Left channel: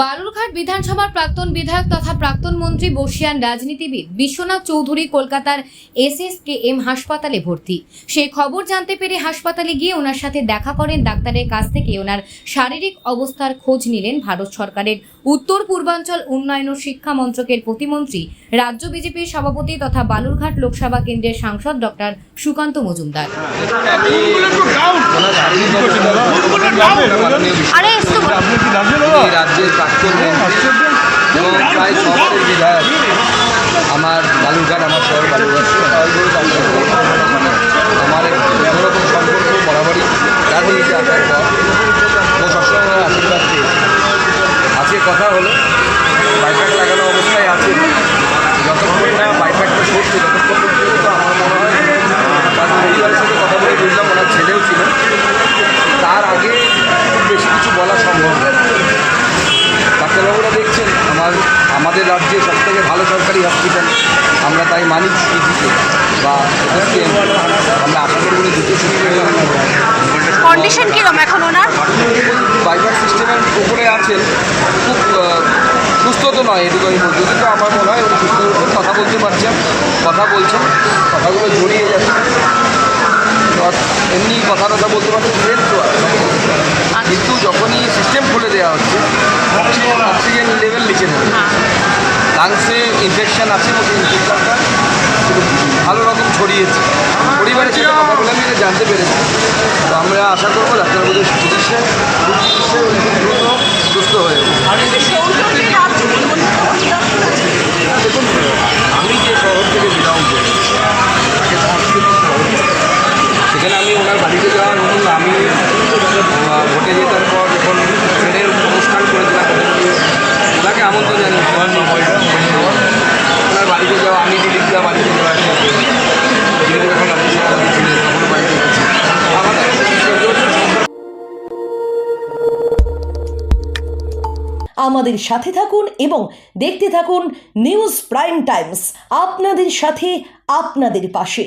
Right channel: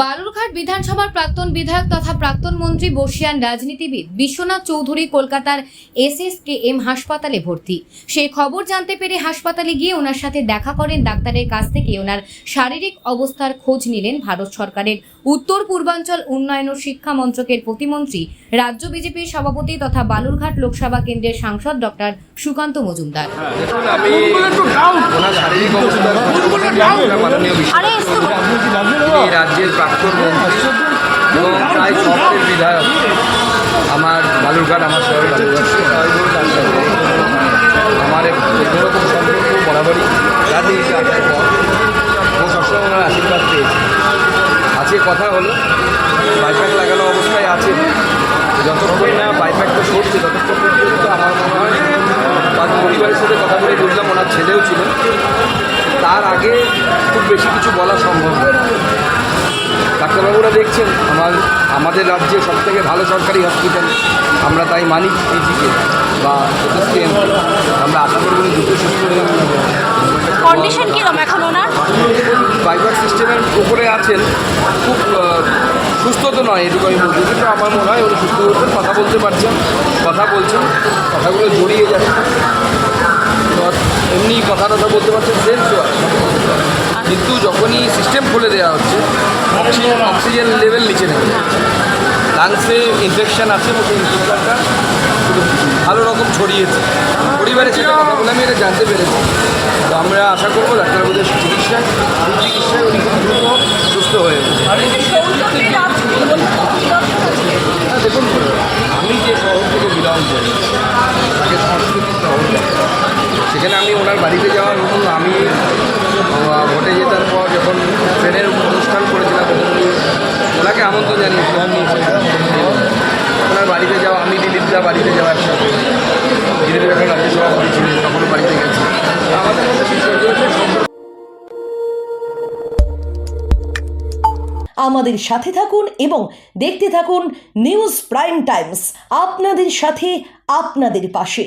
বালুরঘাট বিধানসভার প্রাক্তন বিধায়ক তথা প্রাক্তন মন্ত্রী বর্ষিয়ান রাজনীতিবিদ বিশ্বনাথ চৌধুরী কলকাতার এসএসকেএম হাসপাতালে ভর্তি। সেই খবর জানতে পেরে হাসপাতালে গিয়ে ওনার সাথে দেখা করেন ডাক্তারের কাছ থেকে ওনার শারীরিক অবস্থার খোঁজ নিলেন ভারত সরকারের উত্তর পূর্বাঞ্চল উন্নয়ন ও শিক্ষা মন্ত্রকের প্রতিমন্ত্রী, রাজ্য বিজেপির সভাপতি তথা বালুরঘাট লোকসভা কেন্দ্রের সাংসদ ডক্টর সুকান্ত মজুমদার। এই রাজ্যের প্রাক্তন মন্ত্রী এবং প্রায় সবারের বিধায়ক। আমার বালুরঘাট আমার শহর বালুরঘাট। আমার অন্যরকম সম্পর্ক বরাবরই রাজনীতিতে আসার পর ও সবসময় ওনার আশীর্বাদ পেয়েছে। আজকে কথা হলো বাইপাক লাগানো অবস্থায় আছে যতক্ষণ না বাইপাকটা সরছে ততক্ষণ পর্যন্ত আমার মনে হয় তার পরিবারের সাথে কথা বলে বুঝলাম ওনার ছেলেও ছিল। তার আগে খুব বেশি কিছু বলা সম্ভব নয়। ডাক্তারবাবুরা দেখছেন আমার আমাদের রাজ্যে সবথেকে ভালো সরকারি হসপিটাল আমরা তাই মানি সিজিকে বা আমরা আশা করব উনি দ্রুত সুস্থ হয়ে কন্ডিশন কিরম এখন ওনার? বাইপাস সিস্টেমের উপরে আছেন খুব সুস্থ তো নয় এটুকু আমি বলছি কিন্তু আমার মনে হয় উনি সুস্থ হচ্ছেন কথা বলতে পারছেন কথা বলছেন কথাগুলো জড়িয়ে যাচ্ছে এমনি কথা কথা বলতে পারছেন সেন্স তো। কিন্তু যখনই সিস্টেম খুলে দেওয়া হচ্ছে অক্সিজেন অক্সিজেন লেভেল নিচে থাকে লাংসে ইনফেকশান আছে এবং ইনফেকশনটা ভালো রকম ছড়িয়েছে। পরিবারের সাথে কথা বলে আমি এটা জানতে পেরেছি। তো আমরা আশা করব ডাক্তারবাবুদের চিকিৎসায় উনি খুব দ্রুত সুস্থ হয়ে যাবে। দেখুন আমি যে শহর থেকে বিলং করি যে সাংস্কৃতিক শহর সেখানে আমি ওনার বাড়িতে যাওয়া নতুন আমি ভোটে জেতার পর যখন ট্রেনের অনুষ্ঠান করেছিলাম ওনাকে আমন্ত্রণ জানিয়েছিলাম ওনার বাড়িতে যাওয়া, আমি দিদিরা বাড়িতে যাওয়া আমাদের সাথে থাকুন এবং দেখতে থাকুন নিউজ প্রাইম টাইমস, আপনাদের সাথে, আপনাদের পাশে।